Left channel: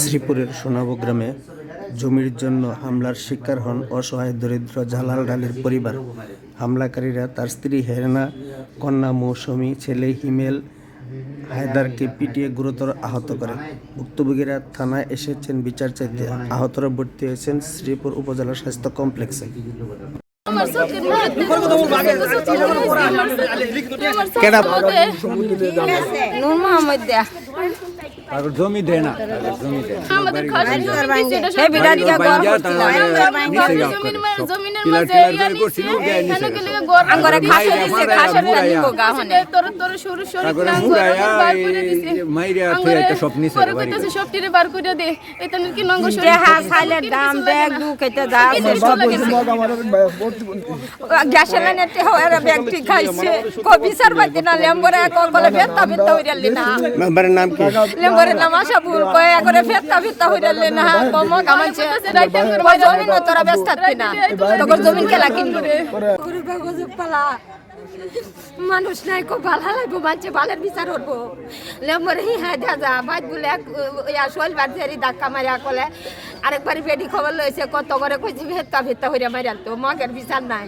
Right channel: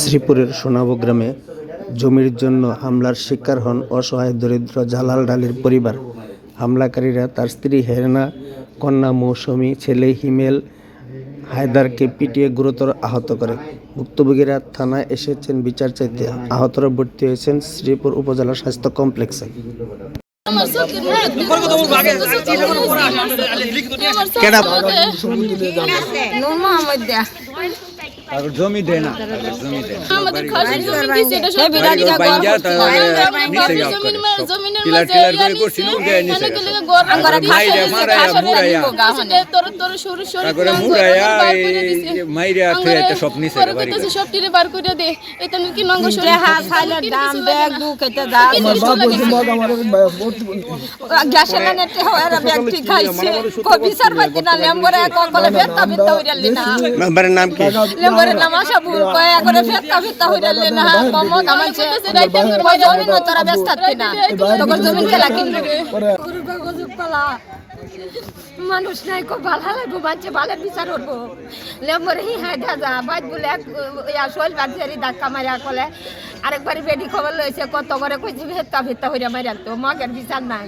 শ্রীপুরের সোনাবো গ্রামে জমির জন্য হামলার শিকার হন অসহায় দরিদ্র জালাল ডালির পরিবার। হামলাকারীরা তার স্ত্রী হেরেনা, কন্যা মৌসুমী, ছেলে হিমেল হায়দারকে পিটিয়ে গুরুতর আহত করে। ভুক্তভোগীরা থানায় এসেছেন বিচার চাইতে। আহতরা ভর্তি হয়েছেন শ্রীপুর উপজেলা স্বাস্থ্য কমপ্লেক্সে। জমি দেয় না আমাদের খাসের জমি দিছে এটা সব বিরাটিয়া ঘর করছে আমাদের জমিনের মাঝে ইয়ানিছে এখানে গেলে ঘর করে খাসের দিছে খাসের নিব গাহনে তোর সরু সরু ঘর বার করে দিছে মাইরা আছে একটা স্বপ্ন নিছে পরে কইতেছে সবটিরে বার করে দে এটা কি নঙ্গ সরু দেহা সাইলের দাম ব্যাগ দু কেটে যা গ্যাসের লাইনেতে হওয়ার ব্যাগ ঠিক খাইছে কবি সারবাতে না লেম্বরে কলে ফেতা ফেতা হইরালি না মেম্বারের নাম কি? লেম্বরে নামাশা ভুল কয় করে ফেতা ফেতা হইরালি না কম কামাইছে তোমার জমি তোরা ব্যস্ত থাকতে না তোর জমি কেলা কিনবে গরু গজ পালা মানুষ নাই কো ভালো লাগবো বাচ্চা ভালো বিচার হবো লেম্বরে হি হাই দাদা বাদ বলে ইয়া শোল বাড়ি ধাক্কা মারিয়া কলে আরেকবার বেডি খবর লইছে কত করে কইছি ফেতা ফেতা হইরা মারিয়া তো মগের বিচার নাই।